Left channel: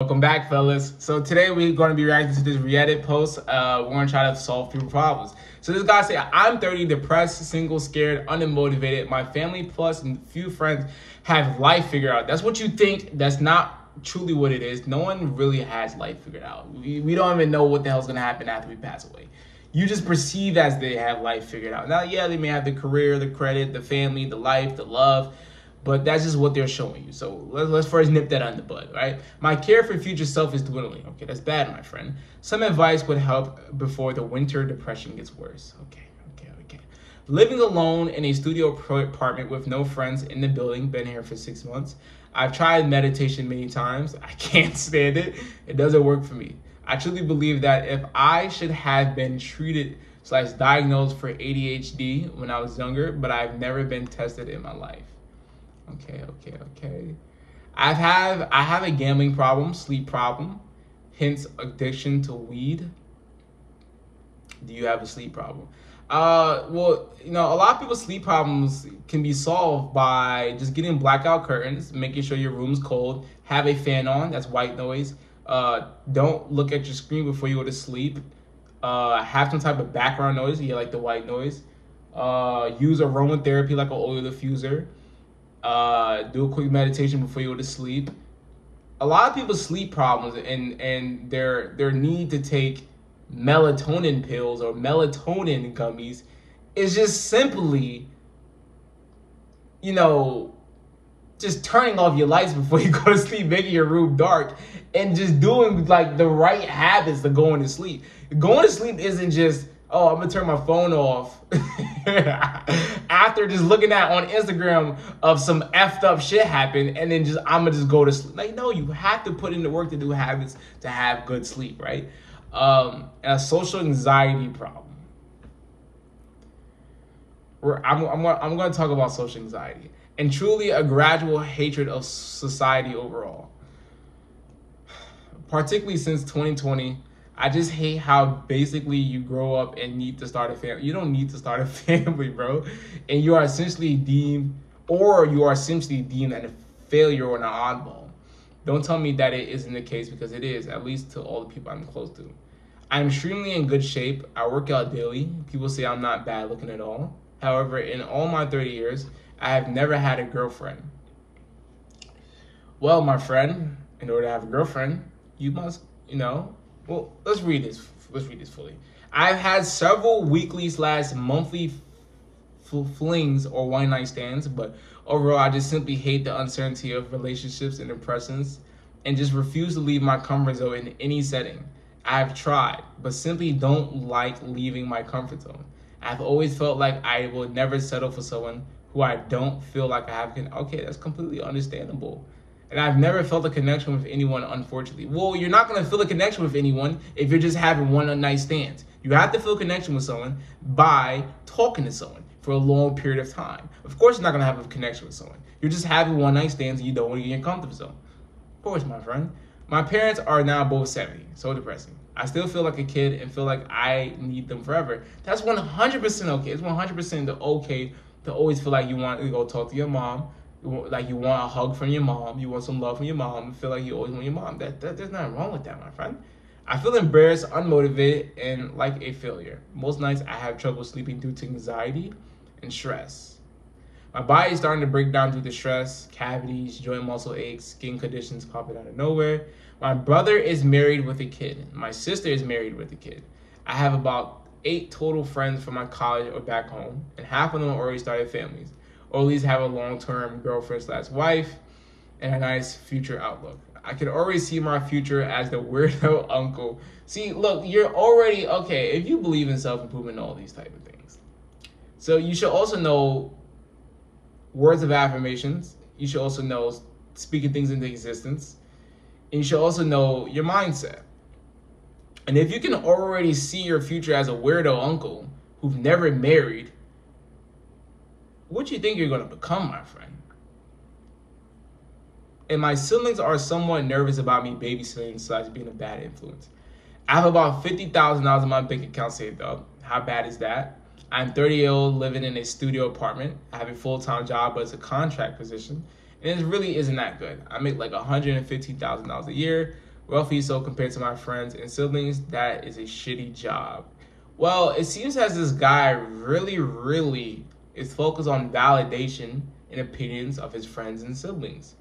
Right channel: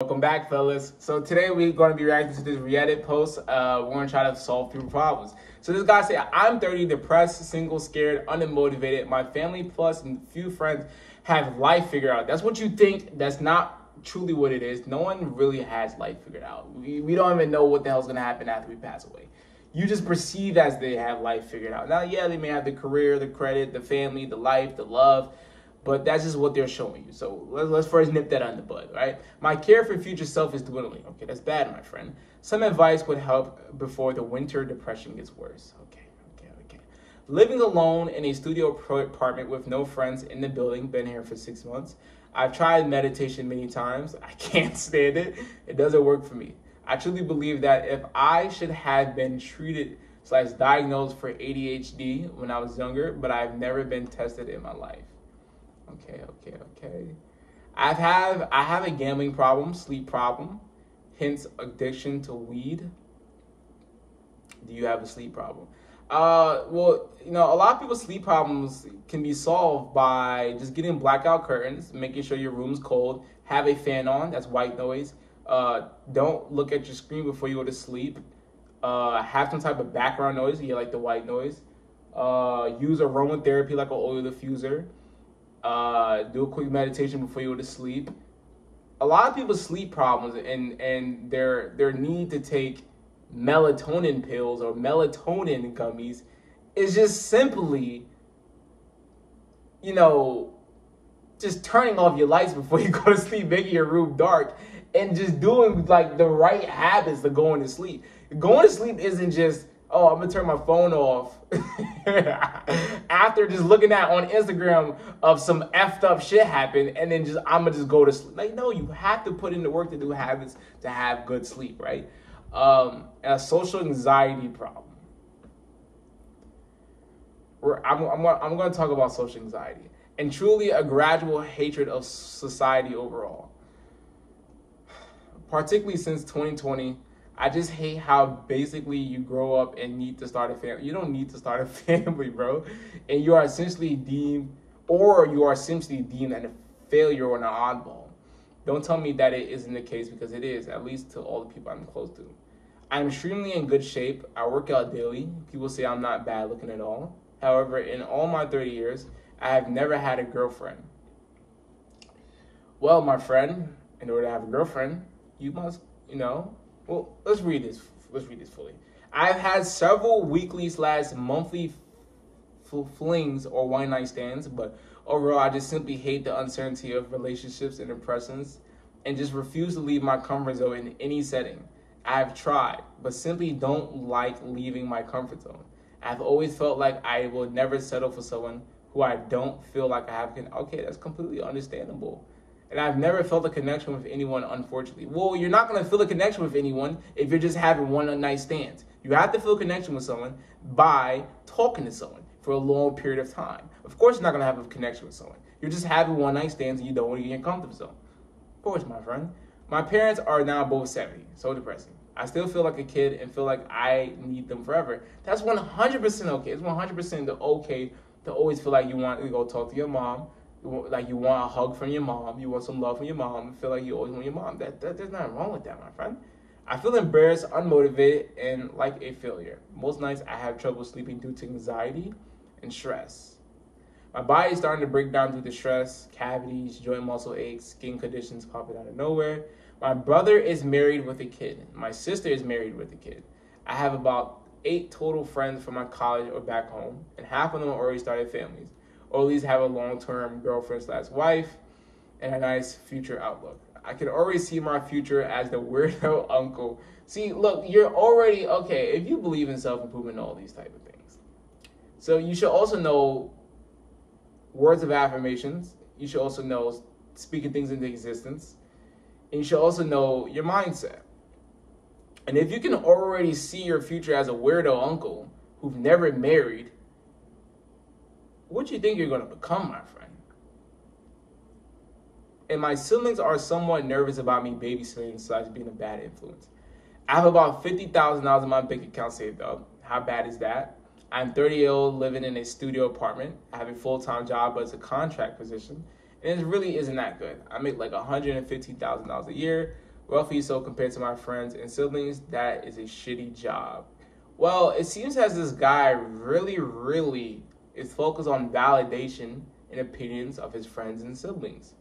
Welcome back, fellas. So today we're going to be reacting to this Reddit post. We're going to try to solve people problems. So this guy said, I'm 30, depressed, single, scared, unmotivated. My family plus and few friends have life figured out. That's what you think. That's not truly what it is. No one really has life figured out. We don't even know what the hell's going to happen after we pass away. You just perceive as they have life figured out. Now, yeah, they may have the career, the credit, the family, the life, the love, but that's just what they're showing you. So let's first nip that on the bud, right? My care for future self is dwindling. Okay, that's bad, my friend. Some advice would help before the winter depression gets worse. Okay. Living alone in a studio apartment with no friends in the building. Been here for 6 months. I've tried meditation many times. I can't stand it. It doesn't work for me. I truly believe that if I should have been treated/diagnosed for ADHD when I was younger, but I've never been tested in my life. Okay. I have a gambling problem, sleep problem, hence addiction to weed. Do you have a sleep problem? Well, a lot of people's sleep problems can be solved by just getting blackout curtains, making sure your room's cold, have a fan on, that's white noise. Don't look at your screen before you go to sleep. Have some type of background noise, like the white noise. Use aromatherapy like an oil diffuser. Do a quick meditation before you go to sleep. A lot of people's sleep problems and their need to take melatonin pills or melatonin gummies is just simply, just turning off your lights before you go to sleep, making your room dark, and just doing like the right habits to going to sleep. Going to sleep isn't just, oh, I'm gonna turn my phone off after just looking at on Instagram of some effed up shit happen, and then I'm gonna just go to sleep. Like, no, you have to put in the work to do habits to have good sleep, right? A social anxiety problem. I'm gonna talk about social anxiety and truly a gradual hatred of society overall. Particularly since 2020, I just hate how basically you grow up and need to start a family. You don't need to start a family, bro. And you are essentially deemed a failure or an oddball. Don't tell me that it isn't the case, because it is, at least to all the people I'm close to. I'm extremely in good shape. I work out daily. People say I'm not bad looking at all. However, in all my 30 years, I have never had a girlfriend. Well, my friend, in order to have a girlfriend, you must, well, let's read this fully. I've had several weekly/monthly flings or one-night stands, but overall, I just simply hate the uncertainty of relationships and impressions and just refuse to leave my comfort zone in any setting. I've tried, but simply don't like leaving my comfort zone. I've always felt like I will never settle for someone who I don't feel like I have. Okay, that's completely understandable. And I've never felt a connection with anyone, unfortunately. Well, you're not going to feel a connection with anyone if you're just having one-night stands. You have to feel a connection with someone by talking to someone for a long period of time. Of course, you're not going to have a connection with someone. You're just having one-night stands and you don't want to get in your comfort zone. Of course, my friend. My parents are now both 70. So depressing. I still feel like a kid and feel like I need them forever. That's 100% okay. It's 100% okay to always feel like you want to go talk to your mom. Like you want a hug from your mom, you want some love from your mom, and feel like you always want your mom. There's nothing wrong with that, my friend. I feel embarrassed, unmotivated, and like a failure. Most nights I have trouble sleeping due to anxiety and stress. My body is starting to break down due to stress, cavities, joint muscle aches, skin conditions popping out of nowhere. My brother is married with a kid. My sister is married with a kid. I have about 8 total friends from my college or back home, and half of them already started families, or at least have a long-term girlfriend/wife and a nice future outlook. I can already see my future as the weirdo uncle. See, look, you're already, okay, if you believe in self-improvement and all these type of things. So you should also know words of affirmations. You should also know speaking things into existence. And you should also know your mindset. And if you can already see your future as a weirdo uncle who's never married, what do you think you're going to become, my friend? And my siblings are somewhat nervous about me babysitting/being a bad influence. I have about $50,000 in my bank account saved up. How bad is that? I'm 30 years old, living in a studio apartment. I have a full-time job, but it's a contract position. And it really isn't that good. I make like $115,000 a year, wealthy, so compared to my friends and siblings, that is a shitty job. Well, it seems as this guy really is focused on validation and opinions of his friends and siblings.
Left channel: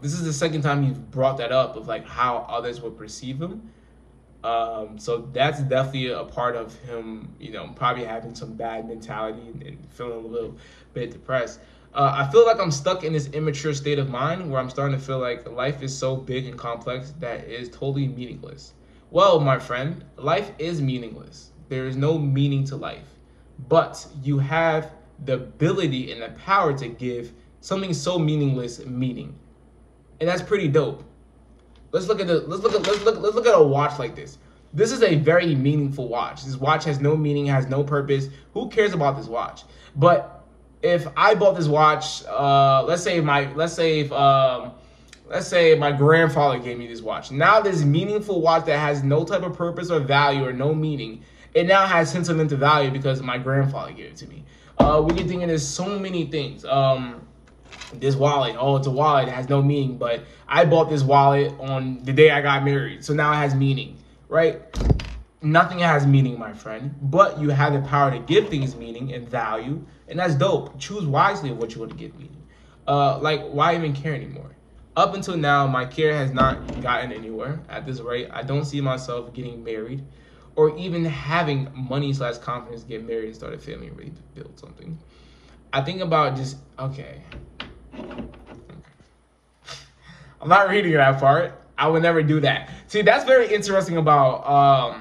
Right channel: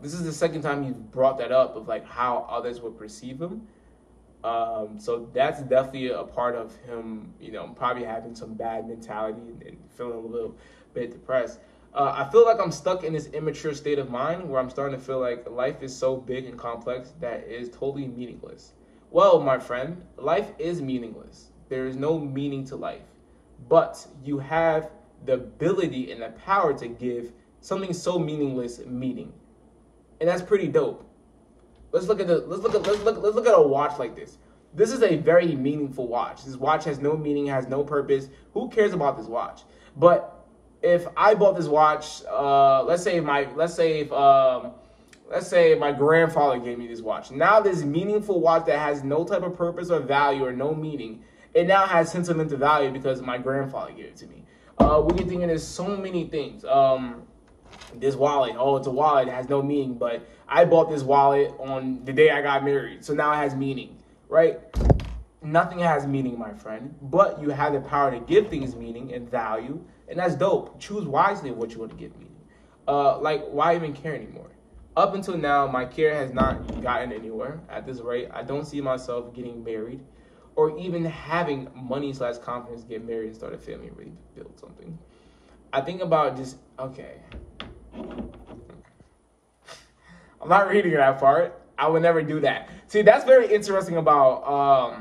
This is the second time he's brought that up of like how others would perceive him. So that's definitely a part of him, probably having some bad mentality and feeling a little bit depressed. I feel like I'm stuck in this immature state of mind where I'm starting to feel like life is so big and complex that it is totally meaningless. Well, my friend, life is meaningless. There is no meaning to life, but you have the ability and the power to give something so meaningless meaning, and that's pretty dope. Let's look at a watch like this. This is a very meaningful watch. This watch has no meaning, has no purpose. Who cares about this watch? But if I bought this watch, let's say my grandfather gave me this watch. Now this meaningful watch that has no type of purpose or value or no meaning, it now has sentimental value because my grandfather gave it to me. We can think of this so many things. This wallet, it's a wallet, it has no meaning, but I bought this wallet on the day I got married, so now it has meaning, right? Nothing has meaning, my friend, but you have the power to give things meaning and value, and that's dope. Choose wisely what you want to give meaning. Why even care anymore? Up until now, my care has not gotten anywhere. At this rate, I don't see myself getting married or even having money/confidence to get married and start a family and really build something. I think about okay. I'm not reading that part. I would never do that. See, that's very interesting about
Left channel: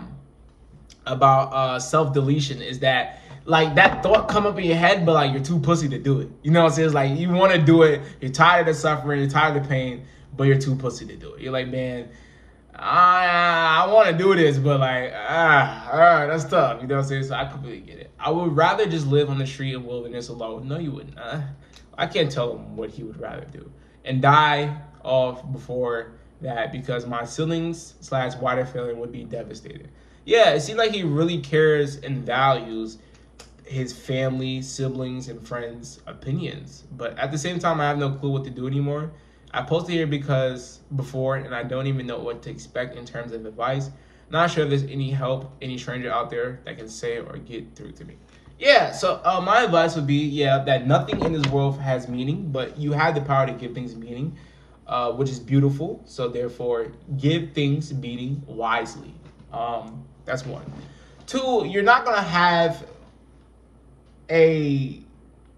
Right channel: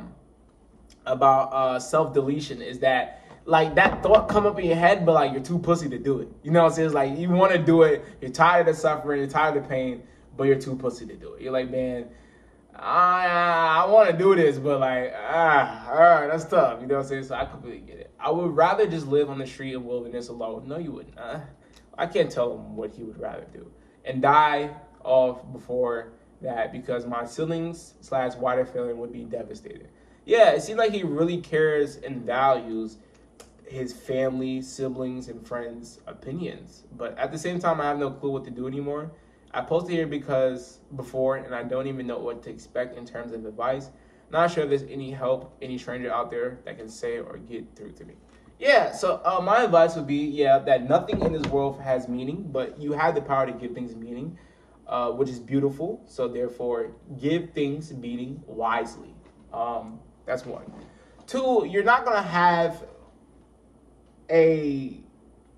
self-deletion is that like that thought come up in your head, but like you're too pussy to do it. You know what I'm saying? It's like you want to do it, you're tired of the suffering, you're tired of the pain, but you're too pussy to do it. You're like, man, I want to do this, but like, all right, that's tough. You know what I'm saying? So I completely get it. I would rather just live on the street of wilderness alone. No, you wouldn't. I can't tell him what he would rather do and die off before that because my siblings/wider family would be devastated. Yeah, it seems like he really cares and values his family, siblings, and friends' opinions. But at the same time, I have no clue what to do anymore. I posted here before, and I don't even know what to expect in terms of advice. Not sure if there's any help, any stranger out there that can say or get through to me. Yeah, so my advice would be, that nothing in this world has meaning, but you have the power to give things meaning, which is beautiful. So therefore, give things meaning wisely. That's one. Two, you're not gonna have a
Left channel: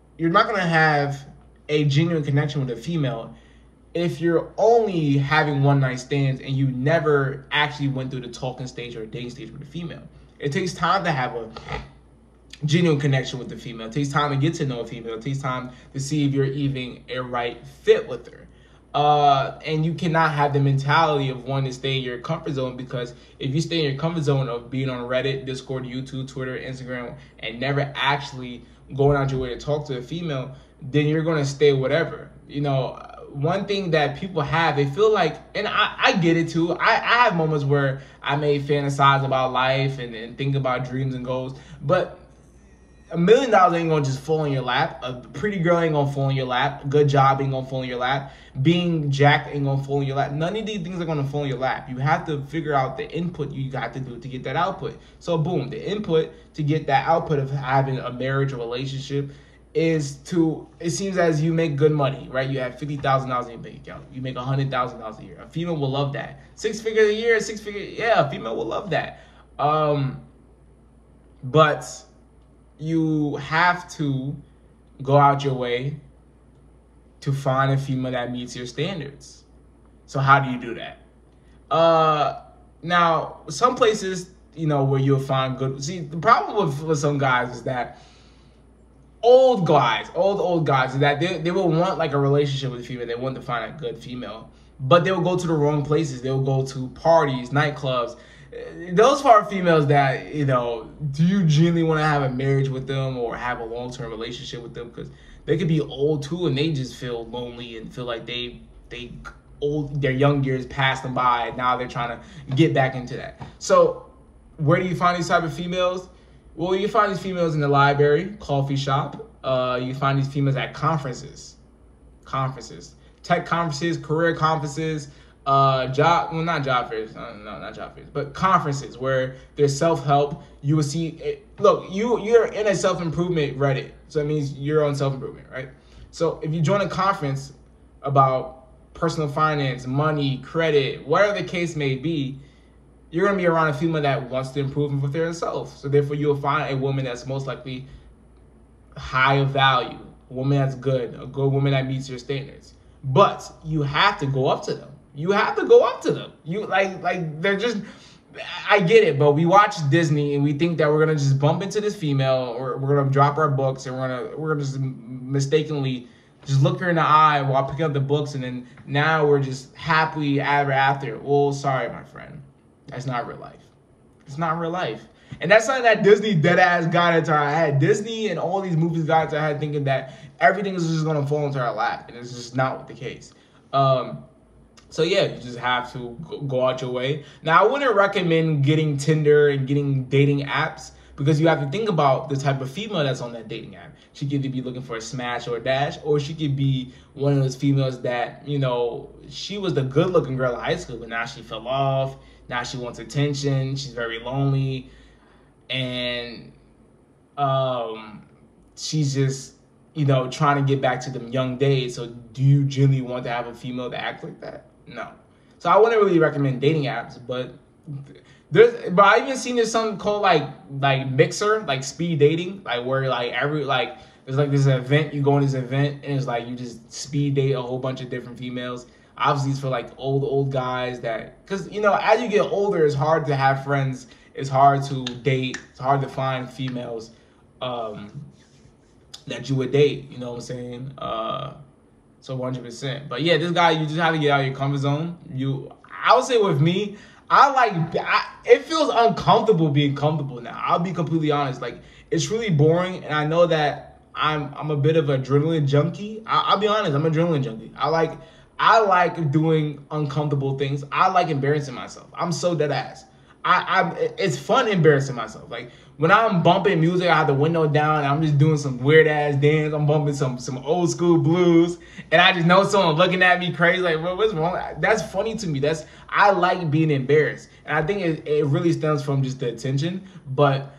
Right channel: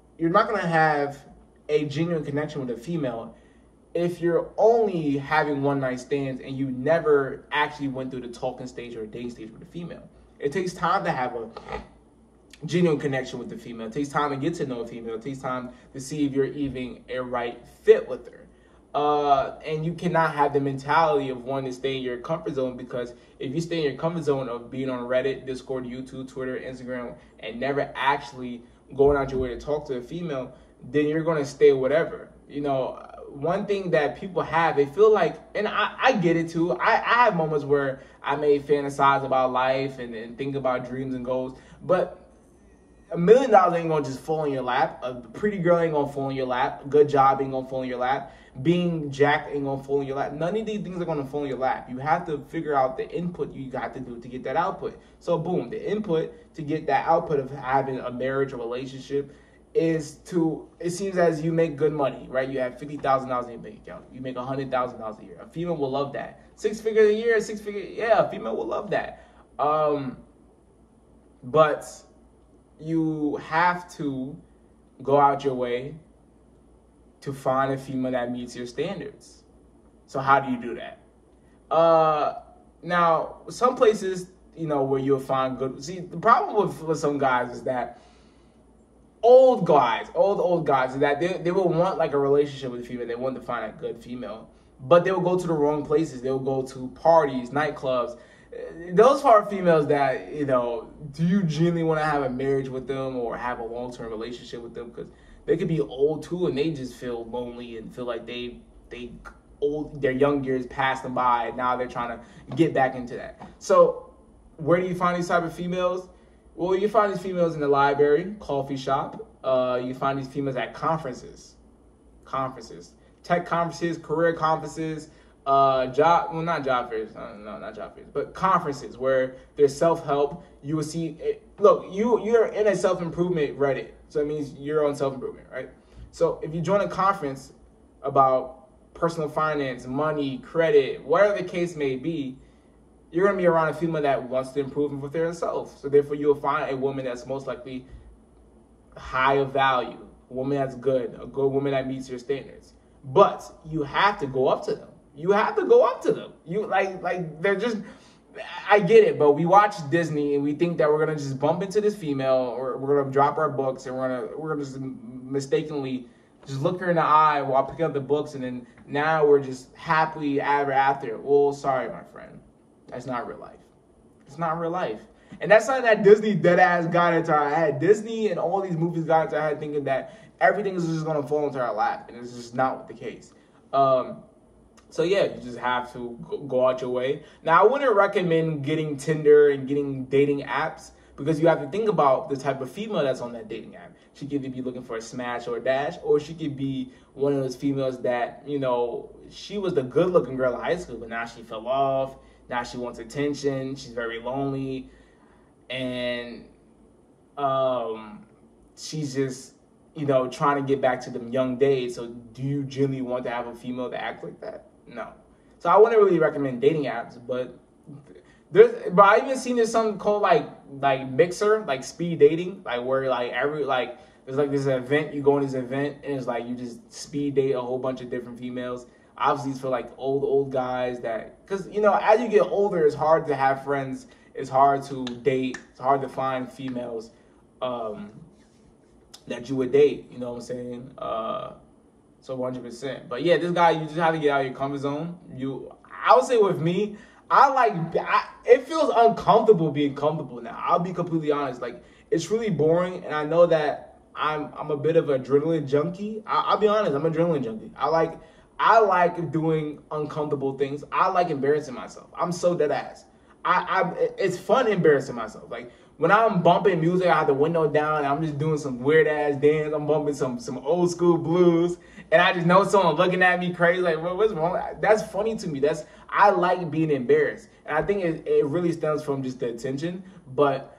genuine connection with a female if you're only having one night stands and you never actually went through the talking stage or dating stage with a female. It takes time to have a genuine connection with the female. It takes time to get to know a female. It takes time to see if you're even a right fit with her. And you cannot have the mentality of wanting to stay in your comfort zone, because if you stay in your comfort zone of being on Reddit, Discord, YouTube, Twitter, Instagram, and never actually going out your way to talk to a female, then you're going to stay whatever. One thing that people have, they feel like, and I get it too, I have moments where I may fantasize about life and think about dreams and goals, but $1 million ain't gonna just fall in your lap. A pretty girl ain't gonna fall in your lap. A good job ain't gonna fall in your lap. Being jacked ain't gonna fall in your lap. None of these things are gonna fall in your lap. You have to figure out the input you got to do to get that output. So boom, the input to get that output of having a marriage or relationship is it seems as you make good money, right? You have $50,000 in your bank account. You make $100,000 a year. A female will love that. 6 figures a year, a female will love that. But you have to go out your way to find a female that meets your standards. So how do you do that? Now, some places, where you'll find good. See, the problem with some guys is that old guys, is that they will want like a relationship with a female. They want to find a good female, but they'll go to the wrong places. They'll go to parties, nightclubs. Those are females that, do you genuinely want to have a marriage with them or have a long-term relationship with them? Because they could be old too, and they just feel lonely and feel like their young years passed them by, and now they're trying to get back into that. So where do you find these type of females? Well, you find these females in the library, coffee shop. You find these females at conferences, tech conferences, career conferences, not job fairs, no, not job fairs, but conferences where there's self-help. You will see look, you're in a self-improvement Reddit, so that means you're on self-improvement, right? So if you join a conference about personal finance, money, credit, whatever the case may be, you're going to be around a female that wants to improve with herself. So therefore, you'll find a woman that's most likely high of value, a woman that's good, a good woman that meets your standards. But you have to go up to them. You have to go up to them. You like they're just. I get it, but we watch Disney and we think that we're gonna just bump into this female, or we're gonna drop our books and we're gonna just mistakenly just look her in the eye while picking up the books, and then now we're just happily ever after. Well, sorry, my friend, that's not real life. It's not real life, and that's something that Disney dead ass got into our head. Disney and all these movies got into our head thinking that everything is just gonna fall into our lap, and it's just not the case. So yeah, you just have to go out your way. Now, I wouldn't recommend getting Tinder and getting dating apps, because you have to think about the type of female that's on that dating app. She could either be looking for a smash or a dash, or she could be one of those females that, you know, she was the good-looking girl in high school, but now she fell off. Now she wants attention. She's very lonely, and she's just, you know, trying to get back to them young days. So do you genuinely want to have a female that acts like that? No. So I wouldn't really recommend dating apps, but I even seen there's something called like Mixer, like speed dating, like where like there's like this event, you go on this event and it's like you just speed date a whole bunch of different females. Obviously it's for like old guys that, because you know, as you get older, it's hard to have friends, it's hard to date, it's hard to find females that you would date, you know what I'm saying? So 100%. But yeah, this guy, you just have to get out of your comfort zone. I would say with me, it feels uncomfortable being comfortable now. I'll be completely honest. Like, it's really boring, and I know that I'm a bit of an adrenaline junkie. I'll be honest, I'm an adrenaline junkie. I like doing uncomfortable things. I like embarrassing myself. I'm so dead ass. It's fun embarrassing myself. Like, when I'm bumping music, I have the window down, and I'm just doing some weird ass dance. I'm bumping some old school blues, and I just know someone looking at me crazy, like, what's wrong? That's funny to me. I like being embarrassed, and I think it really stems from just the attention. But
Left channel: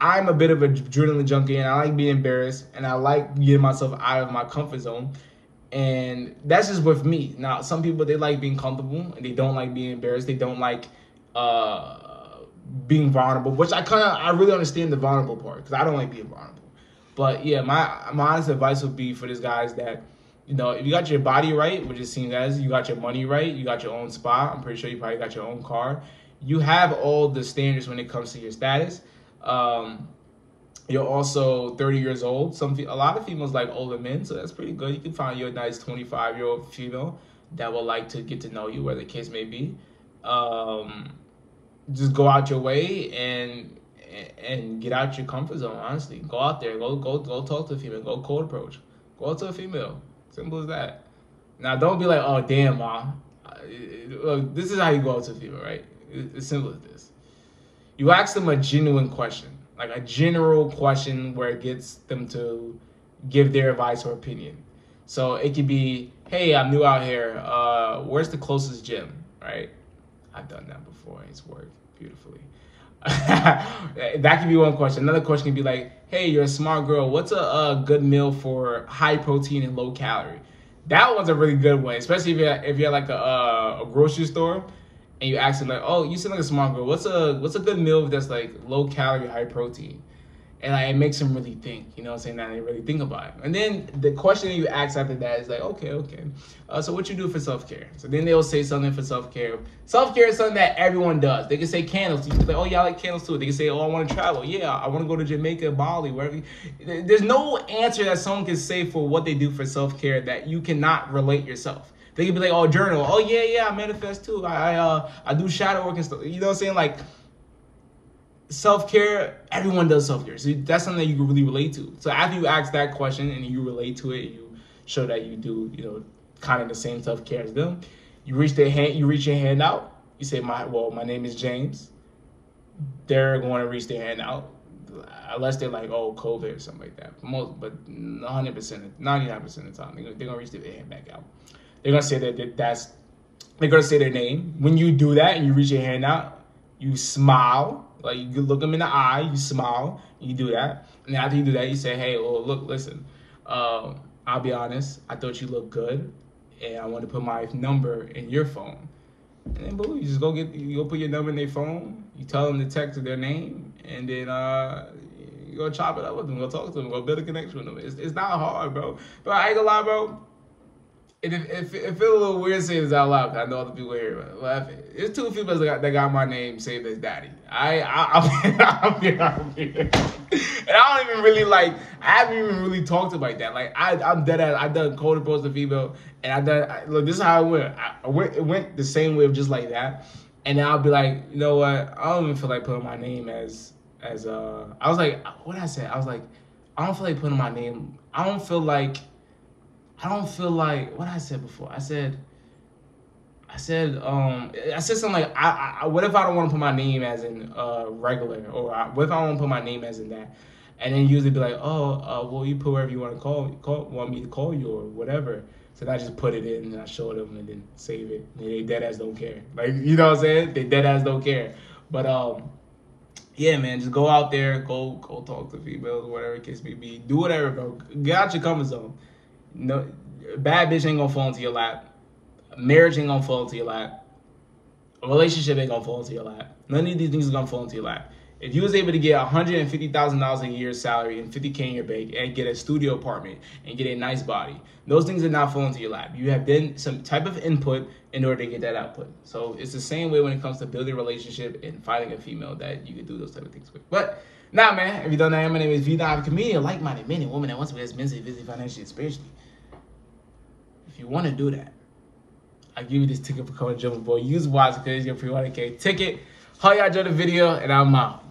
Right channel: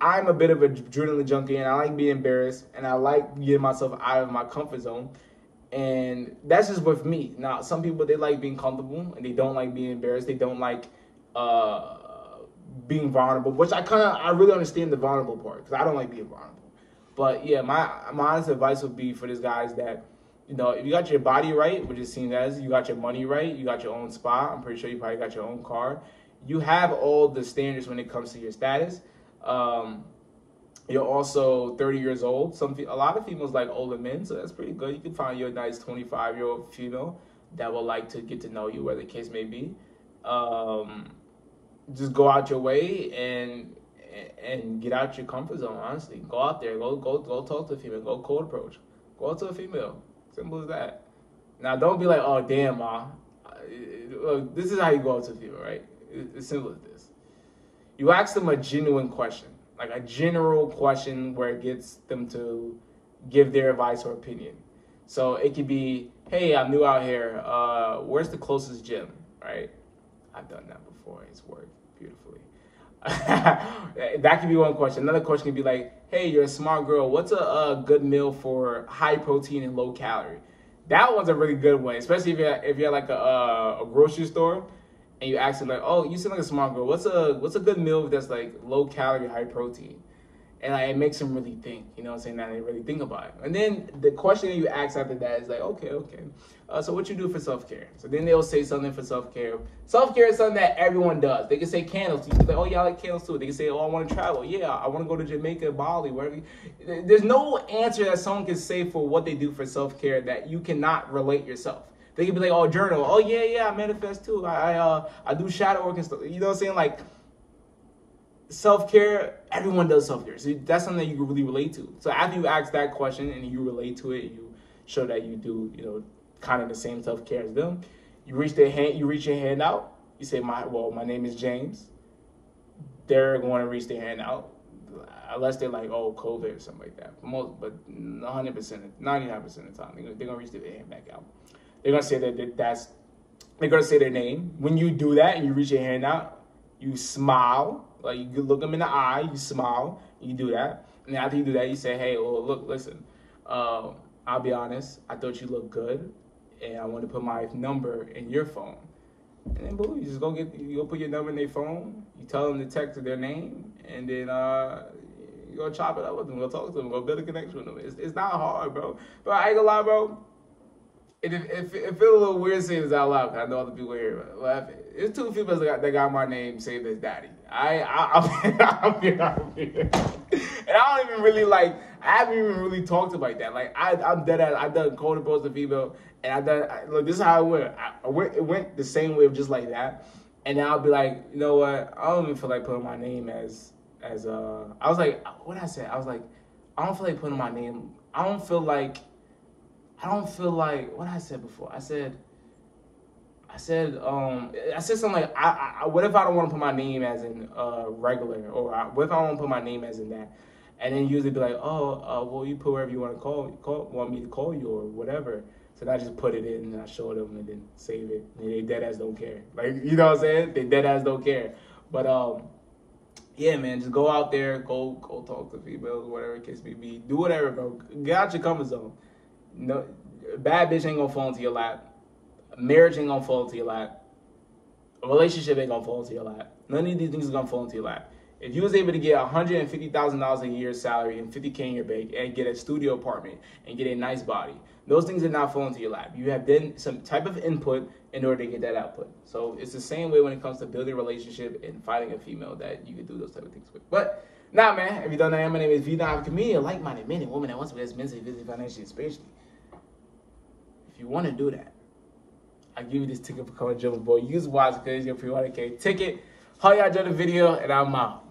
I'm a bit of a adrenaline junkie, and I like being embarrassed, and I like getting myself out of my comfort zone. And that's just with me. Now, some people, they like being comfortable, and they don't like being embarrassed. They don't like being vulnerable, which I really understand the vulnerable part, because I don't like being vulnerable. But yeah, my honest advice would be for this guy is that, you know, if you got your body right, which it seems as you got your money right, you got your own spot, I'm pretty sure you probably got your own car, you have all the standards when it comes to your status. You're also 30 years old. A lot of females like older men, so that's pretty good. You can find your nice 25-year-old female that would like to get to know you, where the case may be. Just go out your way and get out your comfort zone. Honestly, go out there, go talk to a female, go cold approach, go out to a female. Simple as that. Now, don't be like, oh damn, ma. Look, this is how you go out to a female, right? It's simple as this. You ask them a genuine question, like a general question where it gets them to give their advice or opinion. So it could be, hey, I'm new out here. Where's the closest gym, right? I've done that before. It's worked beautifully. That could be one question. Another question could be like, hey, you're a smart girl. What's a good meal for high protein and low calorie? That one's a really good one, especially if you're like a grocery store and you ask them like, oh, you seem like a smart girl. What's a good meal that's like low calorie, high protein? And like, it makes them really think, you know what I'm saying? That they really think about it. And then the question you ask after that is like, okay. So what you do for self-care? So then they'll say something for self-care. Self-care is something that everyone does. They can say candles. You can be like, oh, yeah, I like candles too. They can say, oh, I want to travel. Yeah, I want to go to Jamaica, Bali, wherever. There's no answer that someone can say for what they do for self-care that you cannot relate yourself. They can be like, oh, journal. Oh, yeah, I manifest too. I do shadow work and stuff. You know what I'm saying? Like, self-care, everyone does self-care. So that's something that you can really relate to. So after you ask that question and you relate to it, and you show that you do, you know, kind of the same self-care as them, you reach your hand out. You say, my name is James. They're going to reach their hand out, unless they're like, oh, COVID or something like that. But 100%, 99% of the time, they're going to reach their hand back out. They're going to say that's they're gonna say their name. When you do that and you reach your hand out, you smile. Like, you look them in the eye, you smile, you do that. And after you do that, you say, hey, well, look, listen, I'll be honest, I thought you looked good, and I want to put my number in your phone. And then, boom, you just you go put your number in their phone, you tell them to text their name, and then you go chop it up with them, go talk to them, go build a connection with them. It's not hard, bro. But I ain't gonna lie, bro. It feels a little weird saying this out loud, because I know other people here laughing. There's two females that got my name saved as daddy. I'm here. And I don't even really I haven't even really talked about that. Like, I'm dead ass. I done cold approach the female, and look, this is how it went. It went the same way, just like that. And then I'll be like, you know what? I don't even feel like putting my name as I was like, what did I say? I was like, I don't feel like putting my name. I don't feel like, what I said before. I said something like, what if I don't want to put my name as in regular, or what if I don't want to put my name as in that? And then usually be like, well, you put wherever you want to want me to call you or whatever. So then I just put it in and I show them and then save it. And they dead ass don't care. Like, you know what I'm saying? They dead ass don't care. But yeah, man, just go out there, go talk to females, whatever the case may be. Do whatever, bro. Get out your comfort zone. No, bad bitch ain't gonna fall into your lap. Marriage ain't gonna fall into your lap. A relationship ain't gonna fall into your lap. None of these things are gonna fall into your lap. If you was able to get $150,000 a year salary and $50K in your bank and get a studio apartment and get a nice body, those things are not falling into your lap. You have done some type of input in order to get that output. So it's the same way when it comes to building a relationship and finding a female that you can do those type of things with. But nah, man, if you don't know, my name is Vina. I'm a comedian, a like-minded man and woman that wants to be as mentally, physically, financially, and spiritually. If you want to do that, I'll give you this ticket for Code Jumbo Boy. Use wisely because it's your free 100K ticket. Hope y'all enjoyed the video, and I'm out.